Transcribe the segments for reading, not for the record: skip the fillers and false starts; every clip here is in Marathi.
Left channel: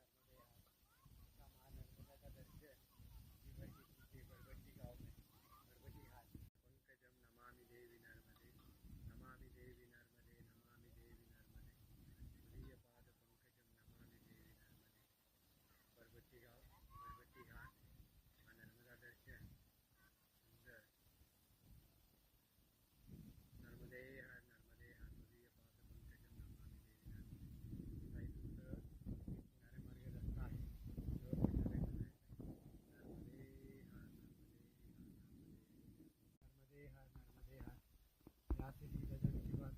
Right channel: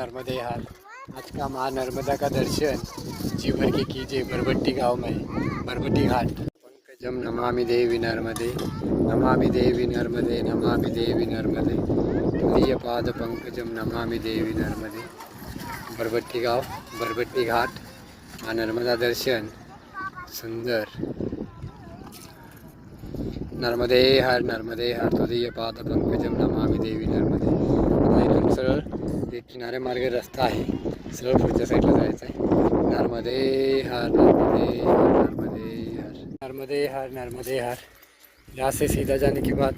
नर्मदे हाल। आज का माँ नर्मदा का दर्शन जी भर के कीजिए बरबट्टी गांव में, बरबट्टी घाट। पंकजम नमामि देवी नर्मदे, नमामि देवी नर्मदे, नमामि देवी नर्मदे, तुदीय पाद पंकजम नमामि देवी नर्मदे। बरबट्टी गांव, बरबट्टी घाट, माँ नर्मदा दर्शन सुंदर। नर्मदे हर तुदीय पाद पंकजम नमामि देवी नर्मदे। इथून सरळ एक किनारे मार्गे रस्ता आहे, सरळ पुढच्या साईडला जायचं आहे। नर्मदे हर नर्मदे हर। यहाँ से सीधा जाने के बाद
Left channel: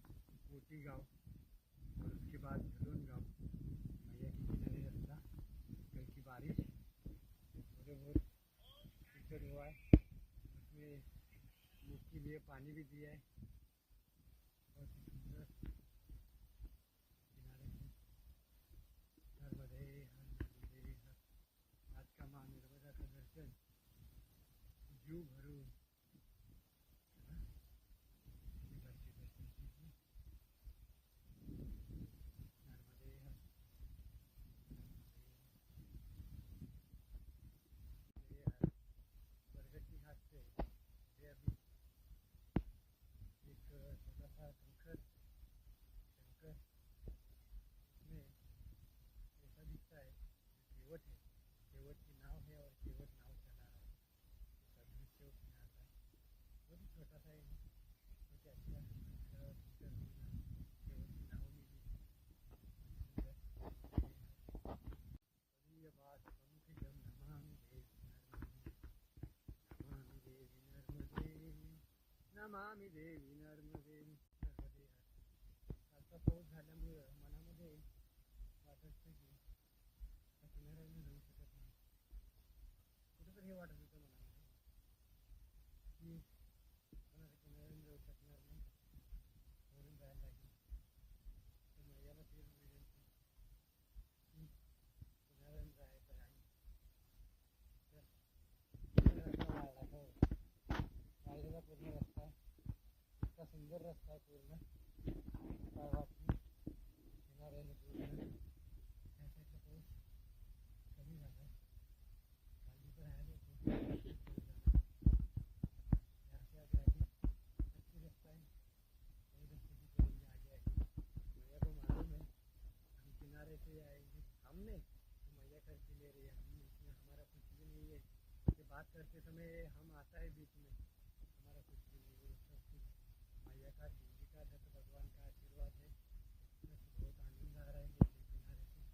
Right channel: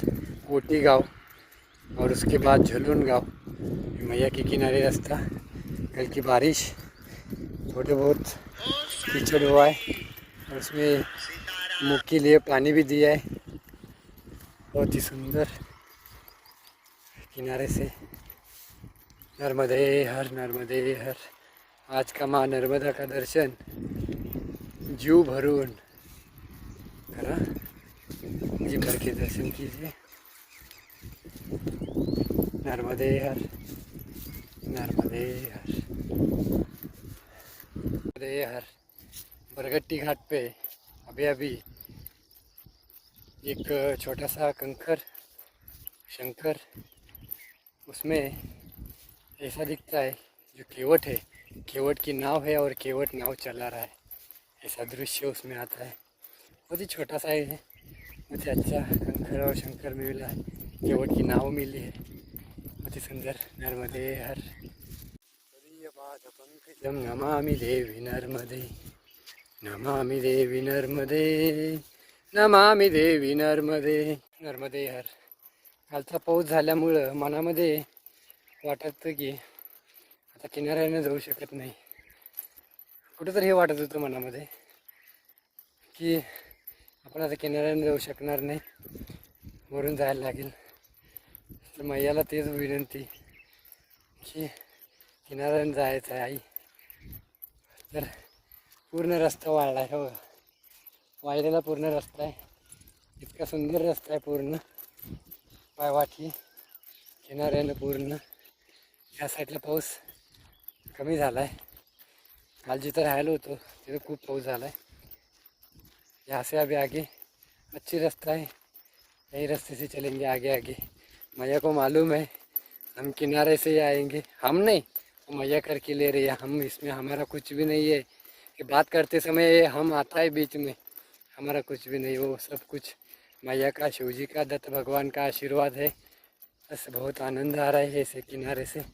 कोटी गांव और उसके बाद झुलन गांव। मैया के किनारे रास्ता। कल की बारिश थोड़े बहुत कीचड़ हुआ है और उसमें मुख के लिए पानी भी दिया है। बहुत ही सुंदर किनारे से नर्मदे हर। आज का माँ नर्मदा का दर्शन जीव भरून करा, जी भर के दर्शन कीजिए। नर्मदे हर नर्मदे हर। बरगट्टी घाट पे अभी एक छोटा सा कंकर शंकर, उसमें ऐसा दिखता है जो केवट है, केवट की नाव है और केवट नाव चला रहा है, ऐसा दृश्य उसमें आता है। बहुत ही छोटा सा है, मुझे अच्छा कंकर और शंकर मिला है, केवट की नाव मिली है, बहुत ही सुंदर। नर्मदे हर पंकजम नमामि देवी नर्मदे, नमामि देवी नर्मदे, नमामि देवी नर्मदे। नर्मदे हर। कालचा पाऊस झाल्यामुळं मनामध्ये वाटतं की आता किनाऱ्याने जाऊ शकत नाही। कुठंतरी हे वाटत होतं मनामध्ये की आपण आता किनाऱ्याने जाऊ शकणार नाही, वरून जायला लागेल। तर मैयाला तेच विनंती की किनाऱ्याने जायचं आहे आई। तर पूर्ण रस्ता वाळला आहे, हो वाळलेला पूर्ण रस्ता आहे, इतका सुंदर रस्ता आहे पूर्ण पायवाटी किनाऱ्यानं पूर्ण। या साईडला पाऊस कमी झाला आहे, काल जिथं राहिलो होतो तिथं खूप पाऊस झाला है। यहाँ से अभी आगे अच्छी रास्ता है, यही रास्ते से चलेंगे आगे आगे। मैया को मालूम है हम किनारे से ही आएंगे, हम नहीं वो मैया करके ले रही है, हम इसमें हमारा कुछ भी नहीं है। कि बात करते समय हम आता है बीच में, हमारा कुछ भी नहीं, वो सब कुछ मैया का, शिवजी का, दत्त भगवान का आशीर्वाद है। बस बहुत आनंद आ रहा है ऐसे किनारे से।